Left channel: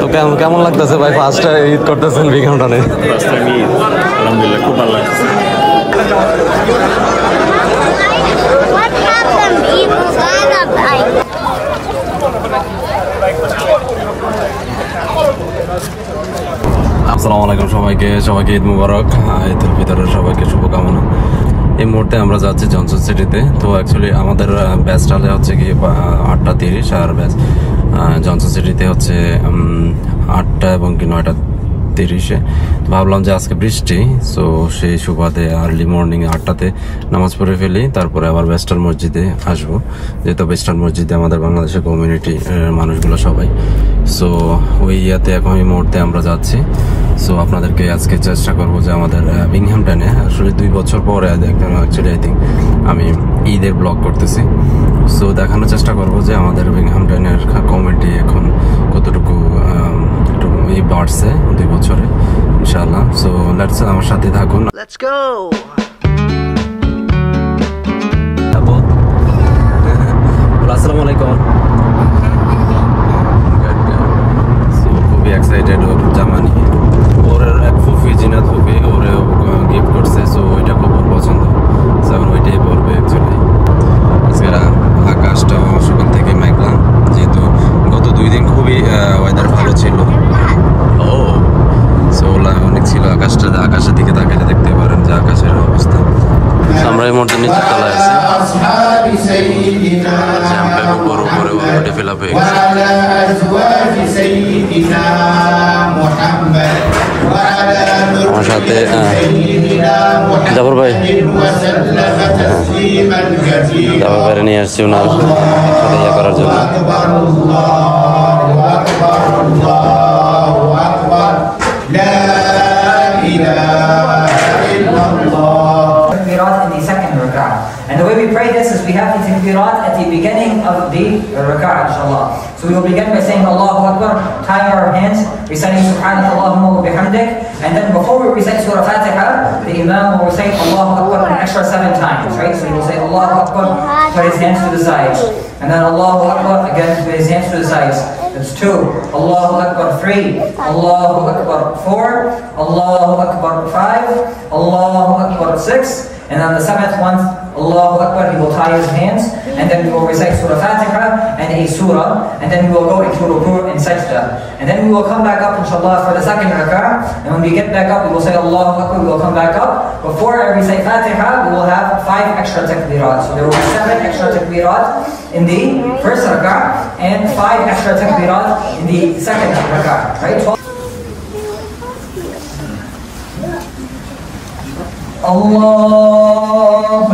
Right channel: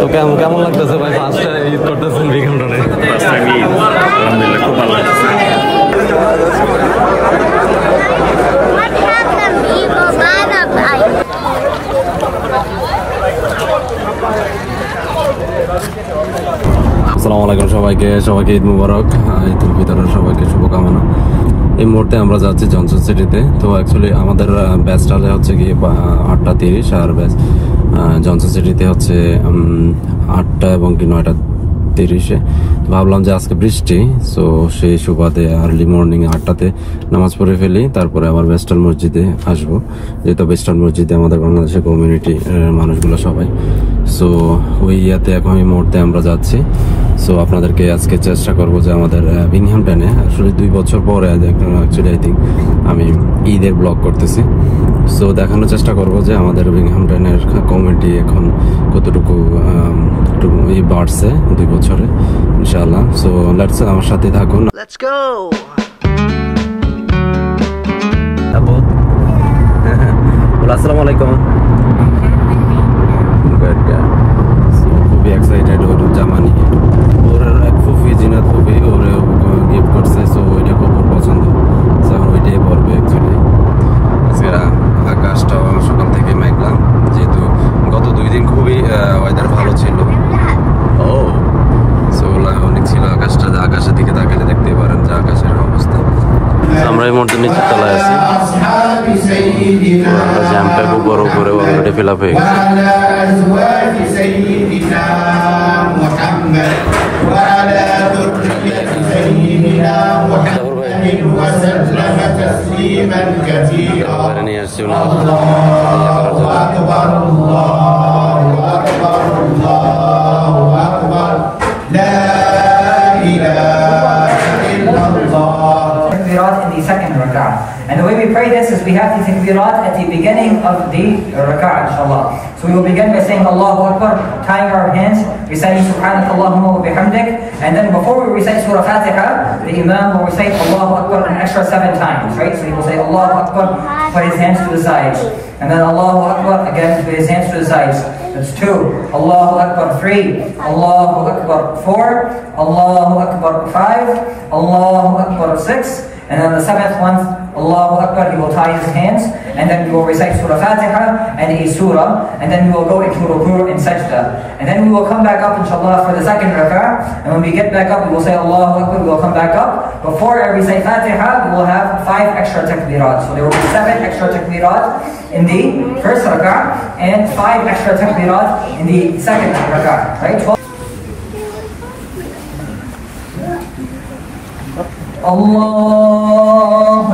তো কেমন লাগতেছে ভাই? ফার্স্ট ঈদ করতেছেন বিঘামটানে? আলহামদুলিল্লাহ খুব ভালো লাগছে। আসসালামু আলাইকুম সবাইকে ঈদ মুবারক। ঈদুল ফিতরের সবাইকে শুভকামনা। এই মুহূর্তে আমরা যাচ্ছি জনসন সিটিতে। তো অ্যাকচুয়ালি আমাদের ব্যাচটালে হচ্ছে কি 8:30 আর ব্যাচ জনসন সিটিতে হচ্ছে 8টা এবং কি 9:30-এ। ভাবলাম যে আজকে বৃষ্টি, সো সেই সুবাদে আর্লি মর্নিং 8টাতে নামাজ পড়ে ফেলি, তারপরে আবার ওয়েস্টার্ন মসজিদে আসবো, যেহেতু ওয়েস্টার্ন মসজিদে আমাদের বাংলাদেশের কমিউনিটি মানুষগুলো সবাই। সো ওই ইয়াতে এখন এই মুহূর্তে আমরা যাচ্ছি। সো আপনাদেরকে আজকে চেষ্টা করবো যে আমাদের বিংহামটনে আসলে 2 বছর পরে অ্যাকচুয়ালি আই থিঙ্ক আমি ঈদের ব্লগ করতেছি। সো দেখানোর চেষ্টা করবো যে আমাদের বিংহামটনের কমিউনিটি এখন কতটুকু বাড়ছে 2 বছরে ইনশাআল্লাহ। সো লেটস আমার সাথে থাকুন। Let's go. আসসালামু আলাইকুম। খুবই এক্সাইটেড ওর জামা নিয়ে। ওর এক ফুফি জিনাত ফুফি ওরে গিফট করছে, সো ওইটা খুব পছন্দ। যেমন ওইটাই পরবে অ্যাকচুয়ালি। আজকে আকাশটা সকাল থেকে মেঘলা, যেহেতু গত 2 দিন খুবই ওয়েদার ভালো ছিল। ও সো অনেক ছিল আকাশটা, আকাশের দিকে তাকালে দেখতে পারেন যে আকাশের অবস্থা। আমরা এই মুহূর্তে নিচের তলায় আছি। জ্যাম প্যাক উপরে অলরেডি ফিল আপ হয়ে গেছে। আমার সাথে জাফর ভাই নিয়ে আসছি ওনার সাথে ইয়ে করার জন্য। In the second rak'ah. And the way we pray this is we have the takbirat at the beginning of the rak'ah, inshallah. So we will begin by saying Allahu Akbar, tying our hands, reciting Subhanaka Allahumma wa bihamdik, and then before we recite Surah Fatiha, the Imam will recite Allahu Akbar an extra 7 times, right? So he will say Allahu Akbar, put his hands to the sides, and then Allahu Akbar again with his hands to the sides. That's 2. Allahu Akbar 3. Allahu Akbar 4. Allahu Akbar 5. Allahu Akbar 6. And on the 7th one, Allahu Akbar, he will tie his hands, and then we will recite Surah Fatiha and a surah, and then we will go into ruku' and sajda. And then we will come back up, inshallah, for the second rak'ah. And when we get back up, we will say Allahu Akbar, we will come back up. Before we say Fatiha, we will have 5 extra takbirat. So there will be 7 extra takbirat in the first rak'ah, and 5 extra takbirat in the second rak'ah, right? الله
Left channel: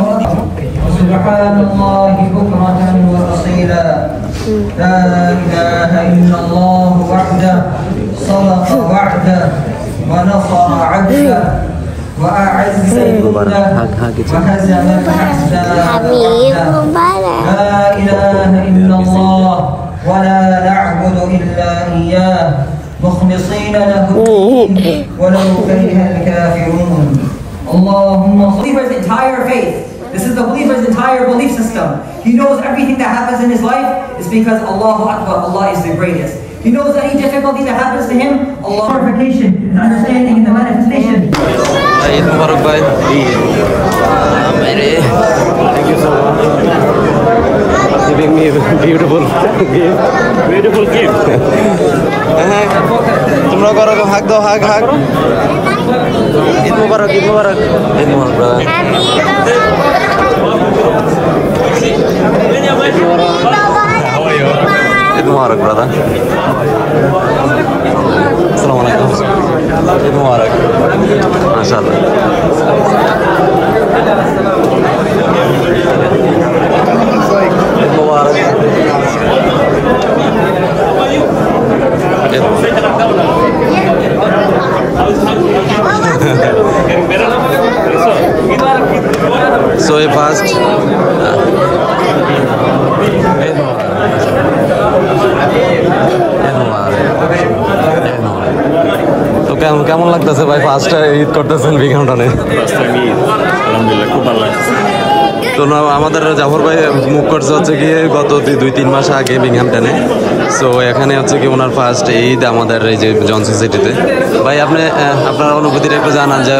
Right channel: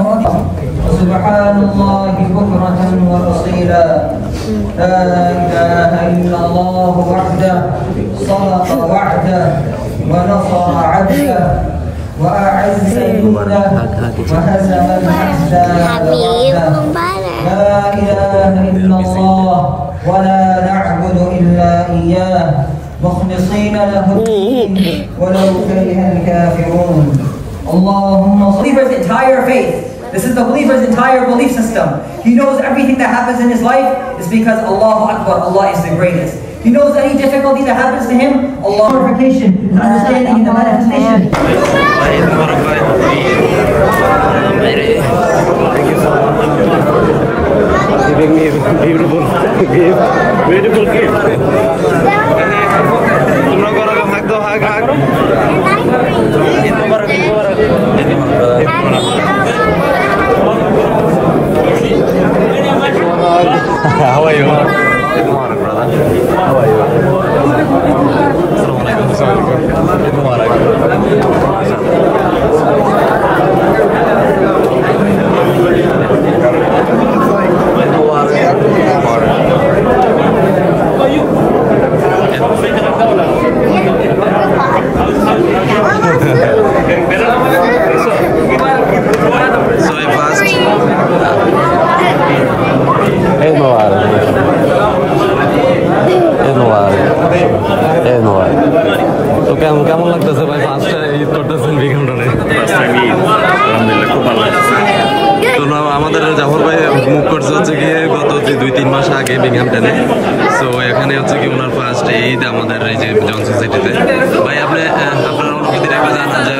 سبحان الله بكرة وأصيلا لا إله إلا الله وحده صدق وعده ونصر عبده وأعز جنده وهزم الأحزاب وحده لا إله إلا الله ولا نعبد إلا إياه مخلصين له الدين ولو كره الكافرون. Allahumma. Believer's entire faith. This is the believer's entire belief system. He knows everything that happens in his life is because Allahu Akbar, Allah is the greatest. He knows any difficulty that happens to him, Allah glorification, understanding in the manifestation. Thank you so much. Giving me beautiful gift. Beautiful gift. তোমরা করো হাগ দাও, হাগ হাগ। How are you? Eid Mubarak, brother. Assalamu alaikum. Eid Mubarak. MashaAllah. Eid Mubarak. So fast. Eid Mubarak. Eid Mubarak. Eid Mubarak. তো কেমন লাগতেছে ভাই? First Eid করতেছেন বিঘামটানে? আলহামদুলিল্লাহ খুব ভালো লাগছে। তো আমাদের জাফর ভাই মুভ করছে হচ্ছে কি গত 2-3 মাস আগে বিংহামটনে। সো এখানে হচ্ছে কি ওনার ফার্স্ট ঈদ আমাদের এই যে জনসন সিটিতে। ভাই আপনি আপনার অনুভূতিটা একটু জানান যে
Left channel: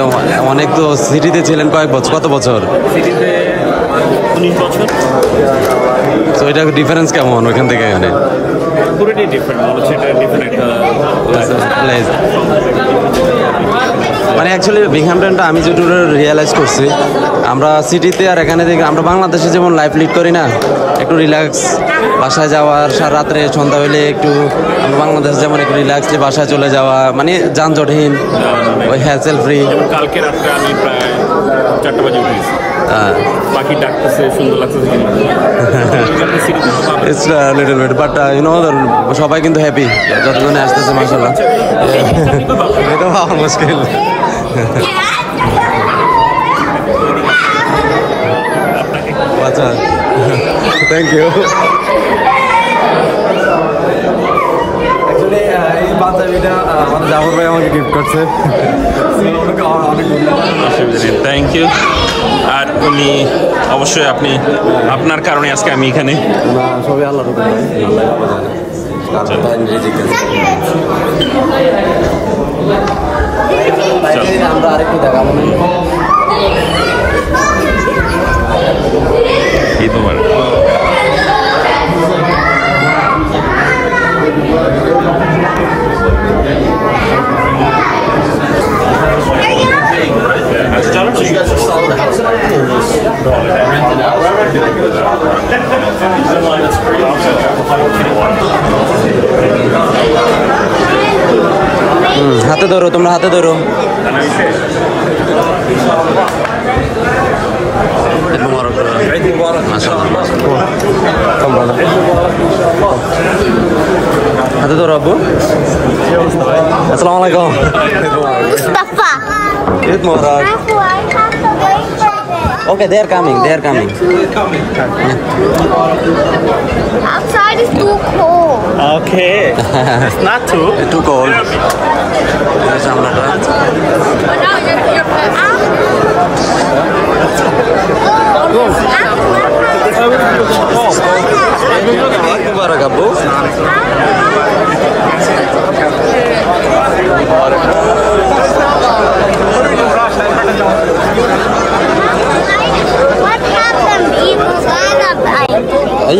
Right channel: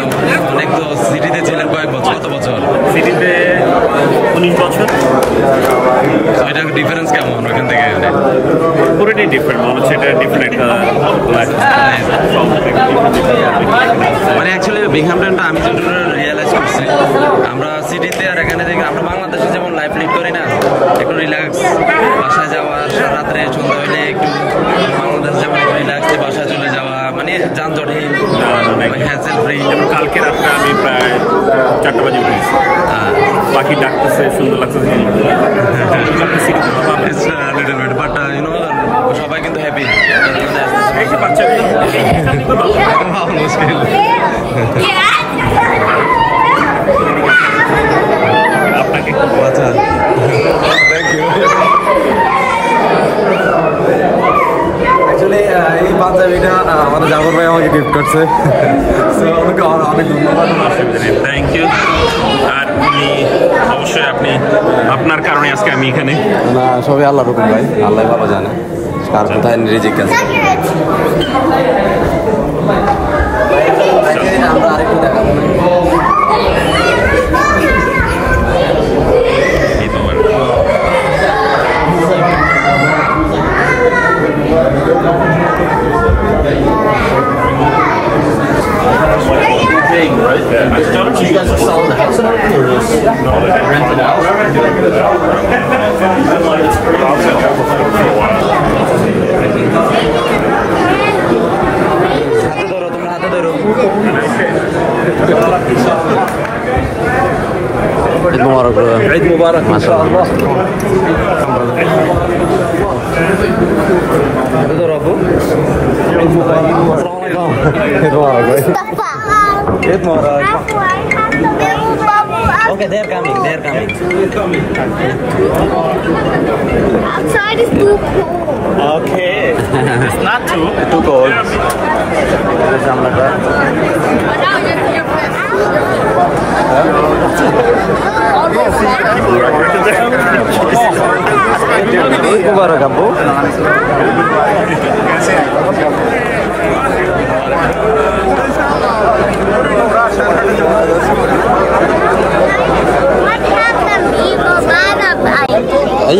অনেক তো সিটিতে ছিলেন কয়েক বছর, কত বছর সিটিতে? 19 বছর। তো এটা ডিফারেন্স কেমন ওইখান থেকে এখানে? পুরোটাই ডিফারেন্ট, মনে হচ্ছে এটা ডিফারেন্ট একটা লাইফ। মানে অ্যাকচুয়ালি বিংহামটনটা আমি যেটুকু রিয়েলাইজ করছি, আমরা সিটিতে আর এখানে দেখি আমরা বাংলাদেশে যেমন লাইফ লিড করি না, একটু রিল্যাক্স, বাসায় যাওয়ার রাত্রে সন্ধ্যা হলে একটু বাংলাদেশে যেমন একটু রিল্যাক্সলি বাসায় চলে যাওয়া, মানে যানজটহীন, ওই হ্যাসেল ফ্রি। কালকে রাত্রে আমি প্রায় 4টা বাজে উঠেছি, পাখি ডাকতেছে, সুন্দর লাগতেছে। It's a little bit, but you know, সবাই কিন্তু হ্যাপি যতক্ষণে আসতেছে। এটা ভাবা মুশকিল। আচ্ছা, থ্যাংক ইউ। অ্যাকচুয়ালি এই পাঞ্জাবিটা আমাদের জাফর ভাই আমাকে গিফট করছে, ওনাকে অনেক ধন্যবাদ। Thank you. আর উনি অবশ্যই আপনার কারণে আজকে আমি এখানে। না, সবই আল্লাহর হুকুম ভাই, আল্লাহ ভালো জানে। আমরা আরেকটু দেখাবো। You guys are selling the house and everything, or renting out? হাতে ধরো, তোমরা হাতে ধরো। মুবারক, মাশাআল্লাহ মাশাআল্লাহ। হাতে ধরো আব্বু। আসসালামু আলাইকুম। ঈদ মুবারক। Okay, they are coming. They are coming. Outside is too cold. Okay. It's not too. Too cold. This is Amlata. Eid Mubarak, Abu.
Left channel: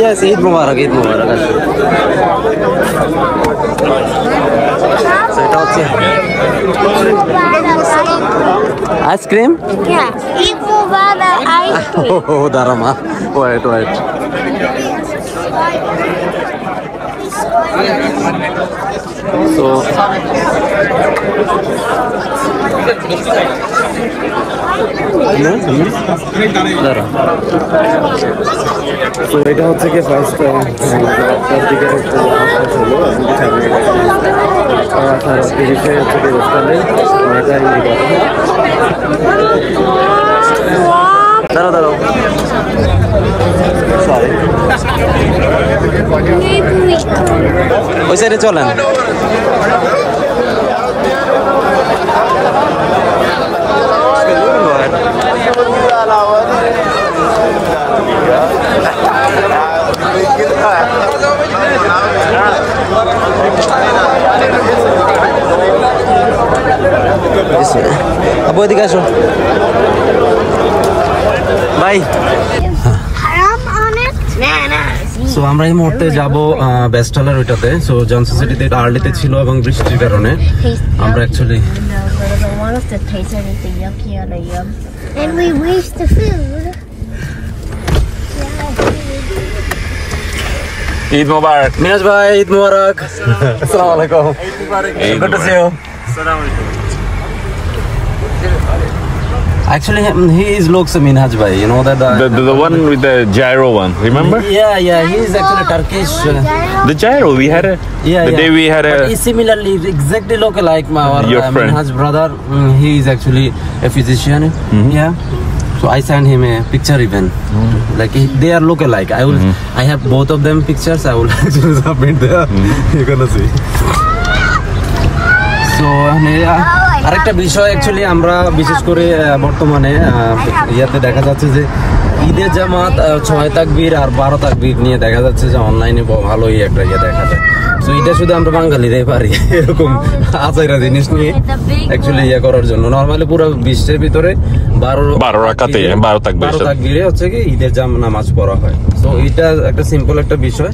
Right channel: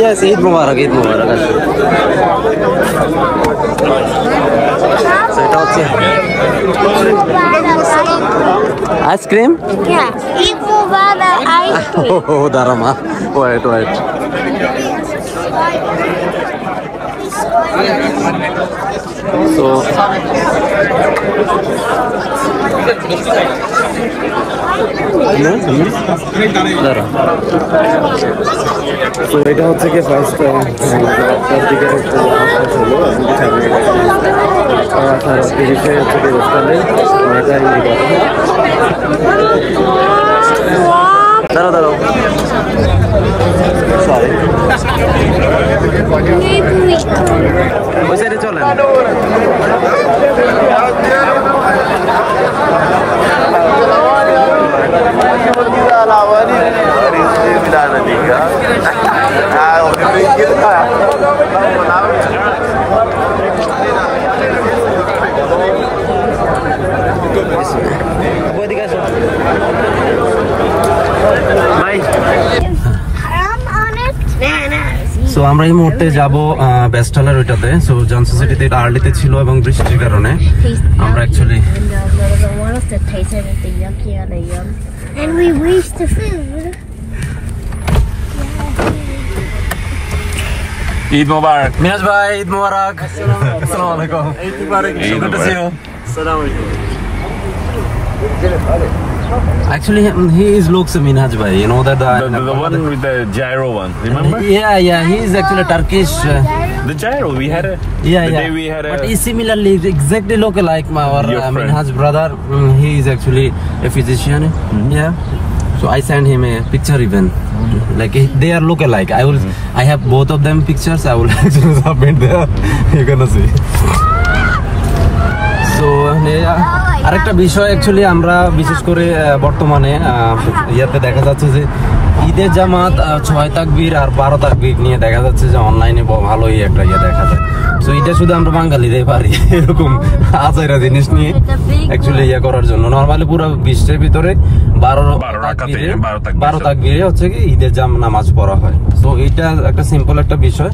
Yes, Eid Mubarak, Eid Mubarak. So এটা হচ্ছে ice cream. Yeah, Eid Mubarak ice cream. ও দাঁড়ামা, wait wait. So তো এটা হচ্ছে কি first দিকে হচ্ছে দাঁড়াও দাঁড়াও, সরি ওই সাইডে চলেন। আবু এদিকে আসো ভাই। সো আমরা এই মুহূর্তে যাবো বেস্টলের ওইটাতে। সো জনসন সিটিতে আর্লিতে ছিল এবং বৃষ্টির কারণে আমরা actually And we waste the food. Eid Mubarak. Miraj ভাই ঈদ মুবারক। আসসালামু আলাইকুম। Eid Mubarak. Actually, he is looks Minhaj bhai. You know that The one with the gyro one, remember? Yeah, he is actually Turkish. The gyro, we had a... the day we had a... But he similarly exactly look like our Your friend. Minhaj brother. He is actually a physician. Yeah. So I sent him a picture even. Like they are look alike. I have both of them pictures. I will actually submit there. You're gonna see. So আরেকটা বিষয় actually আমরা বিশেষ করে বর্তমানে ইয়াতে দেখা যাচ্ছে যে ঈদের জামাত 6 তাকবীর আর 12 তাকবীর নিয়ে দেখা যাচ্ছে যে অনলাইনে ভালোই একটা ইয়ে দেখা যায়। তো এটা শুধু আমরা বাঙালিরাই পারি এরকম আচারা জিনিস নিয়ে অ্যাকচুয়ালি ইয়ে করার জন্য। নরমালি পুরো বিশ্বের ভিতরে 12 রাকাতে 12 তাকবীরে হচ্ছে কি ঈদের নামাজ পড়া হয়। তো এটা একটা সিম্পল একটা বিষয়,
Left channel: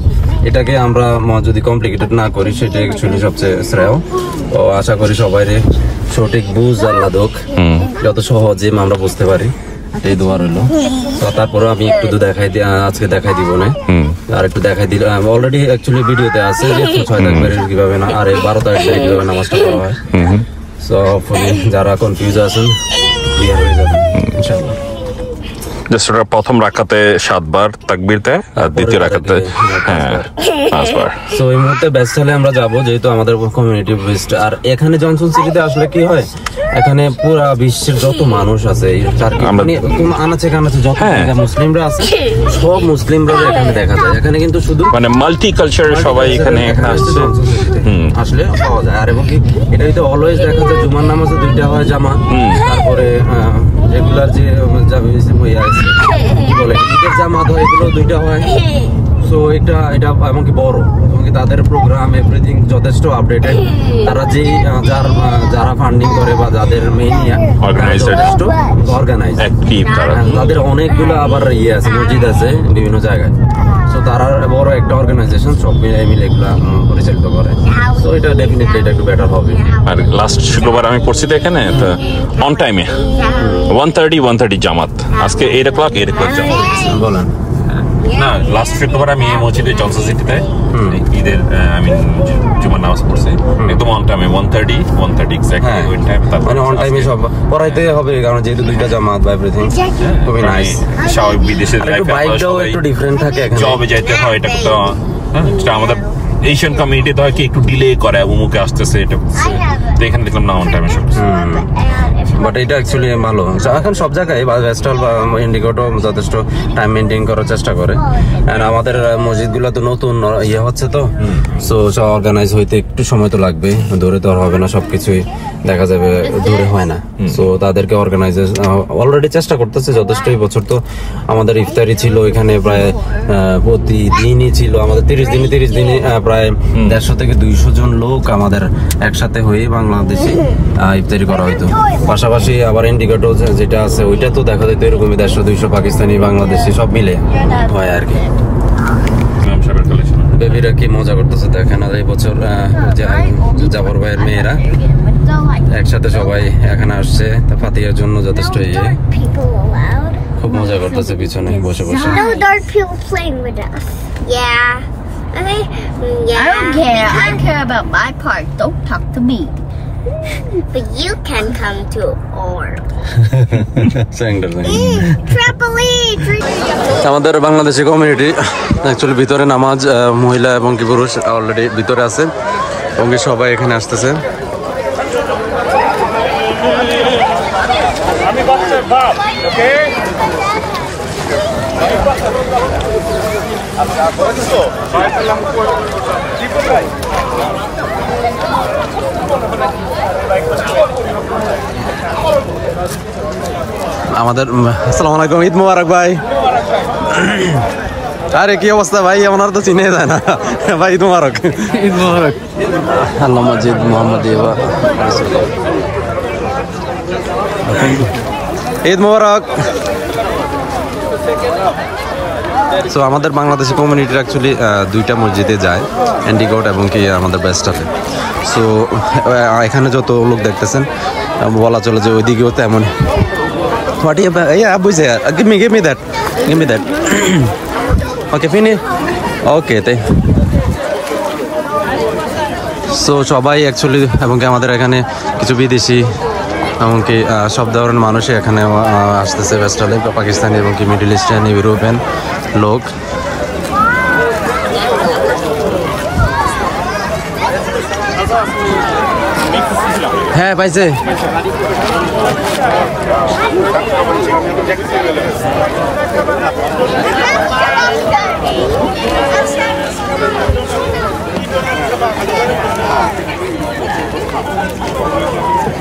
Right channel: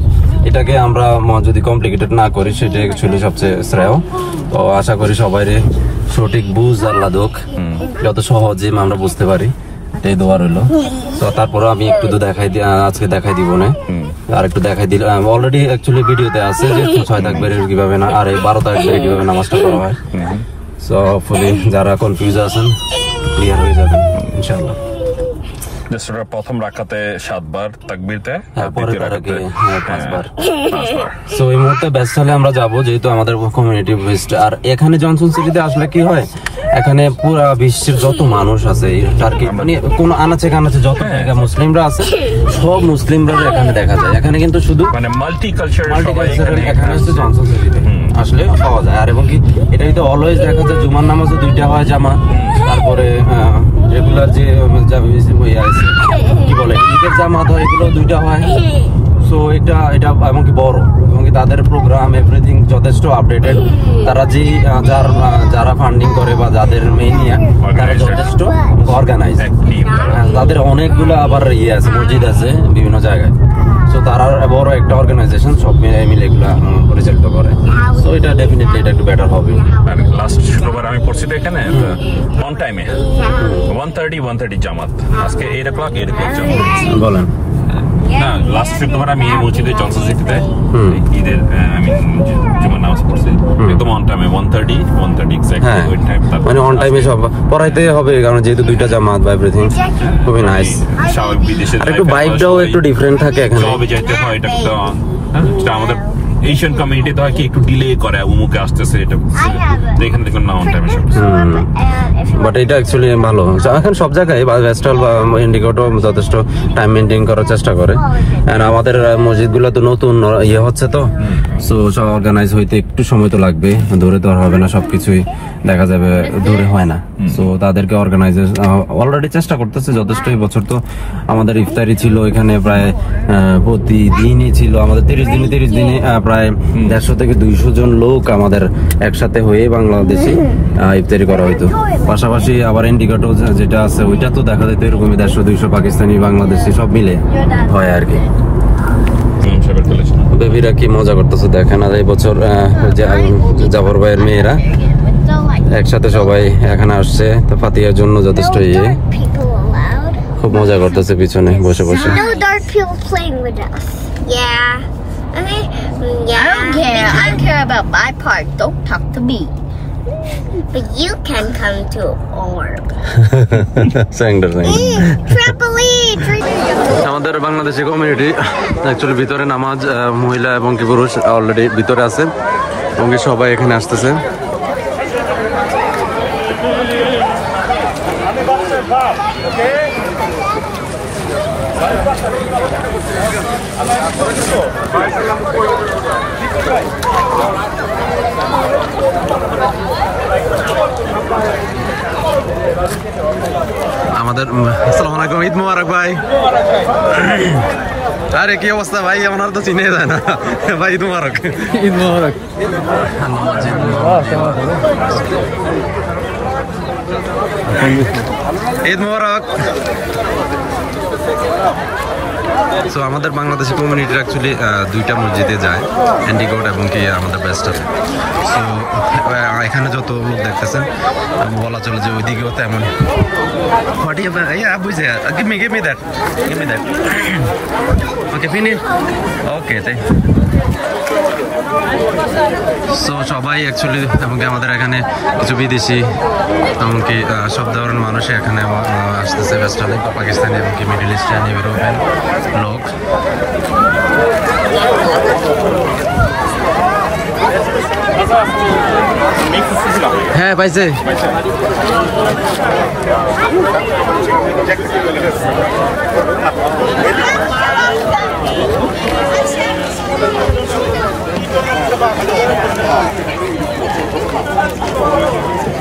এটাকে আমরা যদি কমপ্লিকেটেড না করি সেটা অ্যাকচুয়ালি সবচেয়ে শ্রেয়। তো আশা করি সবাই সঠিক বুঝ আল্লাহ দোক, যত সহজে আমরা বুঝতে পারি এই দোয়া রইলো। তো তারপরে আমি একটু আজকে দেখাই দিব না, আর একটু দেখাই দিলে অলরেডি অ্যাকচুয়ালি ভিডিওতে আছে যে 6 তাকবীরের কিভাবে না আর 12 তাকবীরে কিভাবে নামাজটা পড়া হয়। সো হোপফুলি যারা কনফিউজ আছেন ক্লিয়ার হয়ে যাবেন ইনশাআল্লাহ। জাস্ট ওটা প্রথম রাকাতে 7 বার তাকবীর দেয় আর দ্বিতীয় রাকাতে 5 বার। সো এই মুহূর্তে ব্যস্ত হলে আমরা যাব, যেহেতু আমাদের কমিউনিটি বেস্ট। আর এখানে জনসন সিটিতে আসলে কি হয়, এখানে পুরো বিশ্বের যত মানুষ আছে মানে কোন আনাচে কানাচে যত জায়গা মুসলিমরা আছে সব মুসলিমরা এখানে দেখা যায়। এখানে কিন্তু শুধু মানে মাল্টি কালচার সবাই এখানে আসলে পাওয়া যায়। আর এবং কি এটা তো অলওয়েজ দেখা যায় জুমার নামাজে 2টা হয় জামাত, তারপরে রেগুলার যে কি বলে ঈদের জামাত হয় এগুলো 2টা হয়। সো এটা এমনকি বড়, এমনকি তাদের প্রোগ্রাম এভরিথিং যথেষ্ট আপডেটেড। তারা যে যারা ফান্ডিং করে বা যাদের মেইন যথেষ্ট অর্গানাইজ, তাদের অনেকগুলো আবার ইয়ে আছে, মসজিদ আছে বিভিন্ন জায়গায়। সো তারা বড় একটা অর্গানাইজেশন, সব মিলে এগুলা পরিচালিত করে। সো এটা ডেফিনেটলি এটা একটু বেটার হবে। আর লাস্ট শুক্রবার আমি পড়ছি তো এখানে অন টাইমে 1:30 জামাত, আজকে 8 o'clock জামাত। বলেন না, লাস্ট শুক্রবার আমি এই মসজিদে জনসন সিটিতে ঈদের আমি জুমার নামাজ পড়ছি একদম অন টাইমে 1:30 এক্স্যাক্টলি ওই টাইম। মানে অন টাইমে সব পড়াইতে হবে, কারণ যেহেতু 2টা জামাত বা এভরিথিং খুবই নাইস। স্বাভাবিক বিদেশের লাইফে ভাইবটাও একটু ডিফারেন্ট থাকে, জবে যাইতে হয়, এটা তো এটা আমাদের এশিয়ান কমিউনিটিতে হয় কি একটু ডিলে করে, অমুকে আসতেছে এটা, তো এখানে দেখলাম না অন টাইমে সব। বাট এটা অ্যাকচুয়ালি ভালো। এখন সব জায়গায় ভেস্টাল বা ইন্ডিগোটো যথেষ্ট টাইম মেনটেন করার চেষ্টা করে। আমাদের মসজিদগুলো তো নতুন ইয়ে হচ্ছে, তো সো সব অর্গানাইজ হইতে একটু সময় তো লাগবে, ধরে তো আর হবে না, সবকিছুই দেখা যাবে ধরে হয় না। সো তাদেরকে অর্গানাইজ অলরেডি চেষ্টা করতেছে যথেষ্ট। এই বছর তো আমাদের ইফতারি ছিল এখানে প্রায় প্রতিদিনই ছিল, আমাদের 30 দিনে প্রায় 150 থেকে 200 জন লোক আমাদের একসাথে হয়ে বাংলাদেশি ইফতারি করা হইতো। পাশাপাশি আবার ইন্ডিকেটর যেটা আছে ওইটা তো দেখা যেত এরকমই 150-200 পাকিস্তানি বাংলাদেশি সব মিলে হয় আর কি। বেবিরা কি মজা করতেছে দেখেন। আর এই বছর জাফর ভাইয়ের মেয়েরা একসাথে সবাই এখানে আসছে ফাতিহার জন্য, যথেষ্ট ইয়ে খুব মজা করতেছে পিছনে বসে বসে। No dark people playing with us. Yeah. Okay. Yeah. I don't care. I care about my part. Don't talk to me. But you can come to orb. Trampoline. আমাদের বাংলাদেশি কমিউনিটি অ্যাকচুয়ালি ভিতরে নামাজ মহিলা এবং কি পুরুষ অলরেডি ভিতরে আছে এবং কি সবাই এখানে আসতেছে। আমাদের আসসালামু আলাইকুম, ঈদ মোবারক ভাই। আরে কি অবস্থা ভাই, আমার তো চিনে যায় না ভাই। ঈদ মোবারক, ঈদ মোবারক। আল্লাহ মসজিদ ঈদ মোবারক। সো আমাদের বাংলাদেশি কমিউনিটির অ্যাকচুয়ালি 2টা মসজিদে যায়, এন্ডিগোট এবং কি আমাদের বেস্টারে। সো এখানে যত লোক দেখতেছেন বলা চলে যে ওইদিকেও তেমন। বুঝছে, give me that. Okay, finish. Okay, তাই। সো সবাই অ্যাকচুয়ালি এবং কি আমাদের এখানে কিছু বিদেশি এমনকি সব ধরনের মানুষই এখানে আসতেছে ওয়েস্টার্ন, পাকিস্তানি এবং কি মিডল ইস্টার্ন ইউরোপিয়ান লোক। হ্যাঁ পাইছে।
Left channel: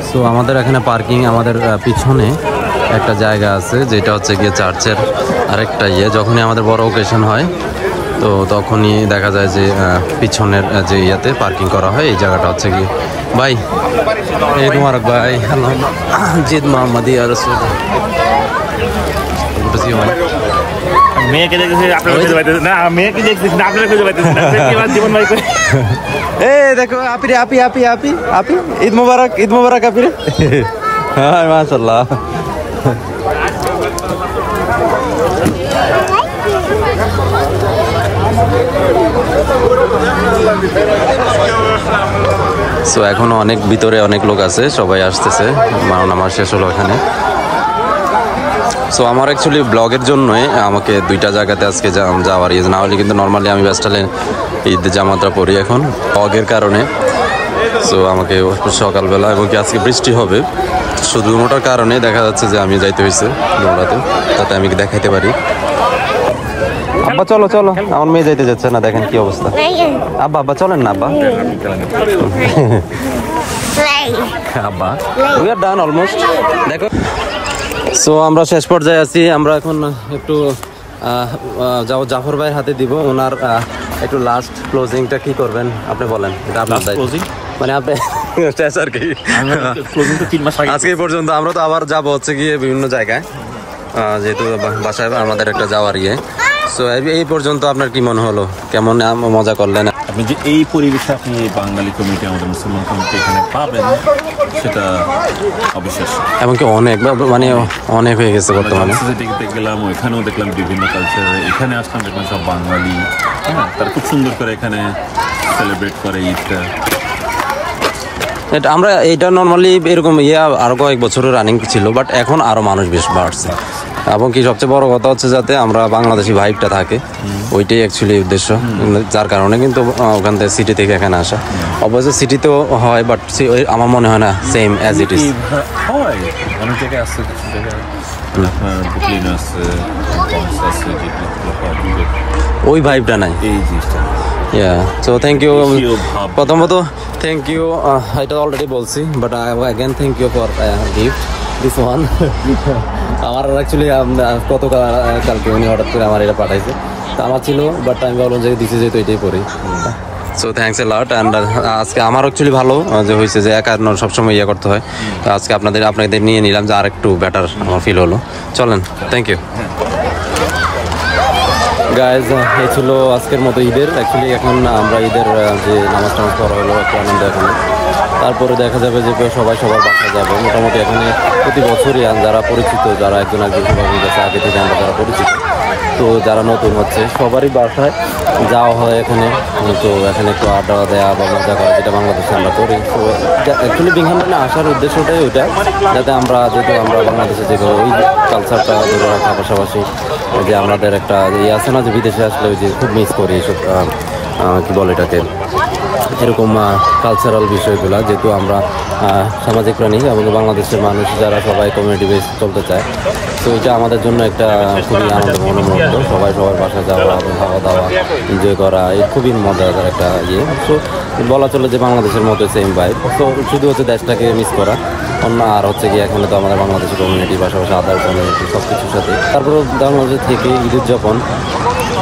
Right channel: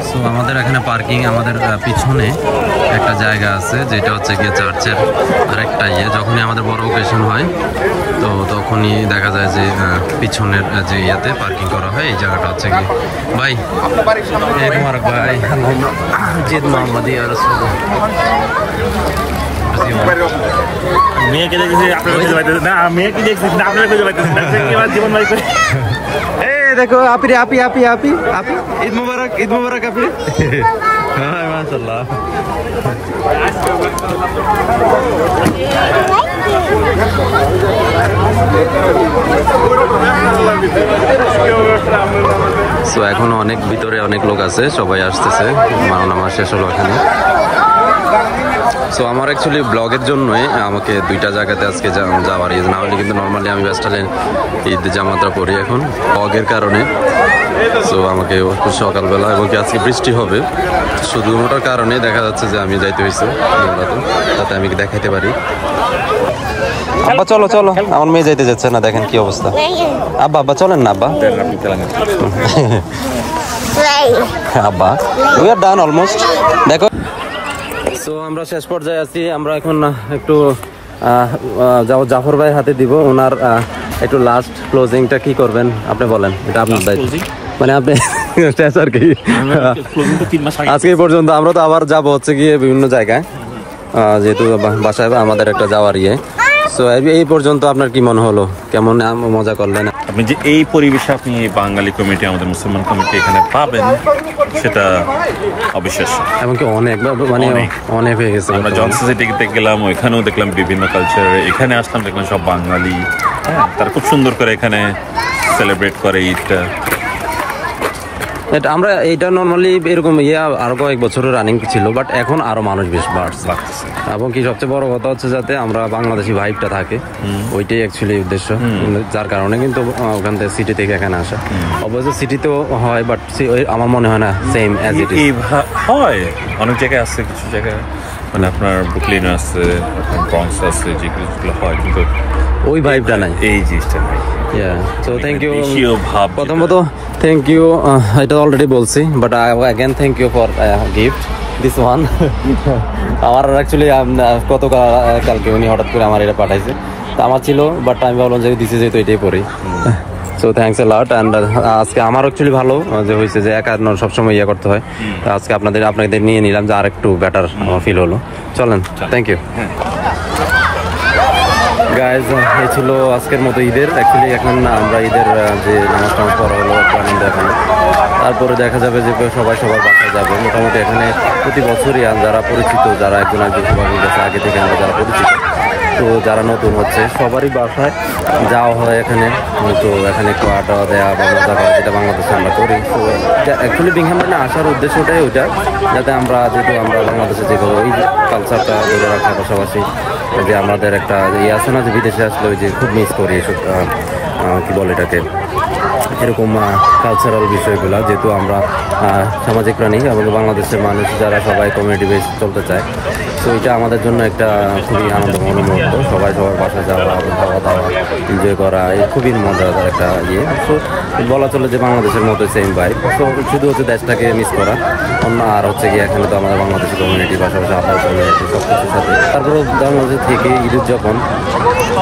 সো সো আমাদের এখানে পার্কিং, আমাদের পিছনে একটা জায়গা আছে যেটা হচ্ছে গিয়ে চার্চের আরেকটা যখনই আমাদের বড় ওকেশন হয় তো তখনই দেখা যায় যে পিছনের যে ইয়াতে পার্কিং করা হয়। এই জায়গাটা হচ্ছে কি ভাই ঈদ মুবারক ভাই, জিদ মোহাম্মদ মেয়েকে দেখেছি না, মেয়েকে দেখছি না, আপনারা খুঁজে পাইতেছেন না, জীবন ভাই এ দেখো আপি রে, আপি আপি আপি আপি ঈদ মুবারক, ঈদ মুবারক আপি রে। হ্যাঁ মাশাআল্লাহ। সো এখনো অনেক ভিতরে অনেক লোক আছে, সবাই আসতেছে, নামাজ শেষ হলো এখানে। সো আমার অ্যাকচুয়ালি ব্লগের জন্যই আমাকে দুইটা জায়গাতে আজকে যাওয়ার না হলে কিন্তু নর্মালি আমি ব্যস্তালে ঈদ জামাতটা পরি এখন ব্লগের কারণে। সো আমাকে সকালবেলা এবং কি আজকে বৃষ্টি হবে শুধু মোটার কারণে দেখা যাচ্ছে যে আমি যাইতে হয়েছে দৌড়াতে, যাতে আমি দেখাইতে পারি। আব্বা চলো চলো, আমার মেয়ে যাইতে যাচ্ছে না, দেখেন কি অবস্থা। আব্বা আব্বা চলেন না আব্বা। আব্বা উই আর ডান অলমোস্ট। দেখো সো আমরা শেষ পর্যায়ে আছি, আমরা এখন একটু জাফর ভাইয়ের হাতে দিব, ওনার একটু লাস্ট ক্লোজিংটা কি করবেন আপনি বলেন, এটা আপনার দায়িত্ব। মানে আপনি আর কি আজকে পর্যন্ত আমরা তো আবার যাবো হচ্ছে গিয়ে বিভিন্ন জায়গায়, যেহেতু বাসায় আমাদের একটা যাওয়ার তো এই পর্যন্ত আপনার কি মনে হলো, কেমন মজা করলেন আপনি? যে এই পরিবেশে আপনি বাঙালি কমিটি, আমাদের মুসলমান কমিটি এখানে পাবেন সেটা অবিশ্বাস্য, এমনকি অনেক মানে অনেক হয়ে গেছে। জনসোসাইটিতে গেলাম, ওইখানেও দেখলাম বিভিন্ন কালচার, এখানে আসলাম দেখলাম সব বাঙালি, হ্যাঁ তারা খুব সুন্দর করে এখানে সেলিব্রেট করে ঈদটা। এটা আমরা এটা নর্মালি এরকম আরো কয়েক বছরের রানিং ছিল, বাট এখন আরো মানুষ বেশ বাড়ছে। এবং কি সবচেয়ে বড় কথা হচ্ছে যাতে আমরা বাংলাদেশি ভাইবটা থাকে, ওইটাই অ্যাকচুয়ালি উদ্দেশ্য, যার কারণে কিন্তু ওখান থেকে সিটি থেকে এখানে আসা। অবশ্য সিটিতেও হয়, বাট আমার মনে হয় না সেম অ্যাজ ইট ইজ হয়। অনেক জায়গায় আছে, কিছু জায়গায় মানে আপনার ব্রুকলিন আছে, ব্রঙ্কস আছে, যেগুলো হয় কিন্তু ওই ভাইবটা নাই, এই জিনিসটা নাই। So thank you. প্রথমত থ্যাংক ইউ, এটা অলরেডি বলছি, but again thank you for gift this one. আমার অ্যাকচুয়ালি কালকে উনি হঠাৎ করে আমার এটা পাঠাইছে, তো আমার ছিল, বাট আমি ভাবলাম যে দিছে যেহেতু এটাই পড়ি। So thanks a lot. And আজকে আমার অ্যাকচুয়ালি ভালো যে হয়েছে যে একা সবসময় করতে হয়, তো আজকে আপনাদের নিয়ে নিলাম যে আর একটু বেটার আমার ফিল হলো। চলেন, থ্যাংক ইউ গাইজ। এই ছিল আজকের মতো ঈদের। অ্যাকচুয়ালি এখন আমরা ঈদের যে নামাজ টামাজ পড়া হলো একটু আনন্দ এখানে, তারপরে দেখা যাবে যে সবাই সবার বাসায় যাবে। মোটামুটি এখানে প্রতি বছরই যারা পরিচিত, যারা একজন সবার কাছে আগে থেকে আমরা যারা পরিচিত, তো যারা নতুন হচ্ছে সবারই বাসায় যাওয়া হয় এখানে। তো এখানে একটু আড্ডা দেওয়া বা মজা করা, যেটা বাংলাদেশে আমরা করি। তো অ্যাকচুয়ালি বিংহামটনে আসার উদ্দেশ্যটাই ওইটা, যাতে আমরা যেহেতু আমরা বাংলাদেশে যেগুলো ওই কালচারটা ধরে রাখা, পাশাপাশি যে আমাদের একটা আছে না যে বিদেশে আসলে ওই যে খুব মিস করি এসব কী বলে এটাকে, এরকম কালচারাল বিষয়গুলো, যেহেতু আমরা সামাজিক প্রাণী এবং বাংলাদেশের মানুষ যারা সবাই কমিউনিটি বেস চলতে চায়। তো এটা আমাদের জন্য একটা খুবই আনন্দঘন মুহূর্ত, সবাই সবার বাসায় যাওয়া, খাওয়া দাওয়া, এনজয় করা, এই খুবই মজাদার একটা তো বলা চলে যে বাংলাদেশের মতো সেম ভাইব। তো শুধু হচ্ছে দেশটাকে মিস করা অন্য, আর হচ্ছে গিয়ে এখানে তো আমাদের বাংলাদেশের কমিউনিটি, পাশাপাশি আদার কমিউনিটি সব কিছুর সাথে। তারপরেও বাংলাদেশ থেকে ঈদের যখন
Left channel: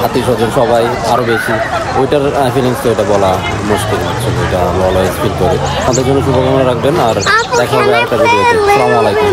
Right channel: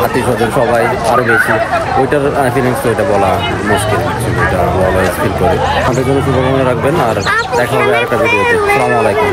আত্মীয় স্বজন সবাই আরও বেশি, ওইটার ফিলিংস তো এটা বলা মুশকিল হচ্ছে, এটা অলওয়েজ ফিল করে। আমাদের জন্য শুভকামনা রাখবেন, আর দেখা হবে আরেকটা ভিডিওতে। আসসালামু আলাইকুম।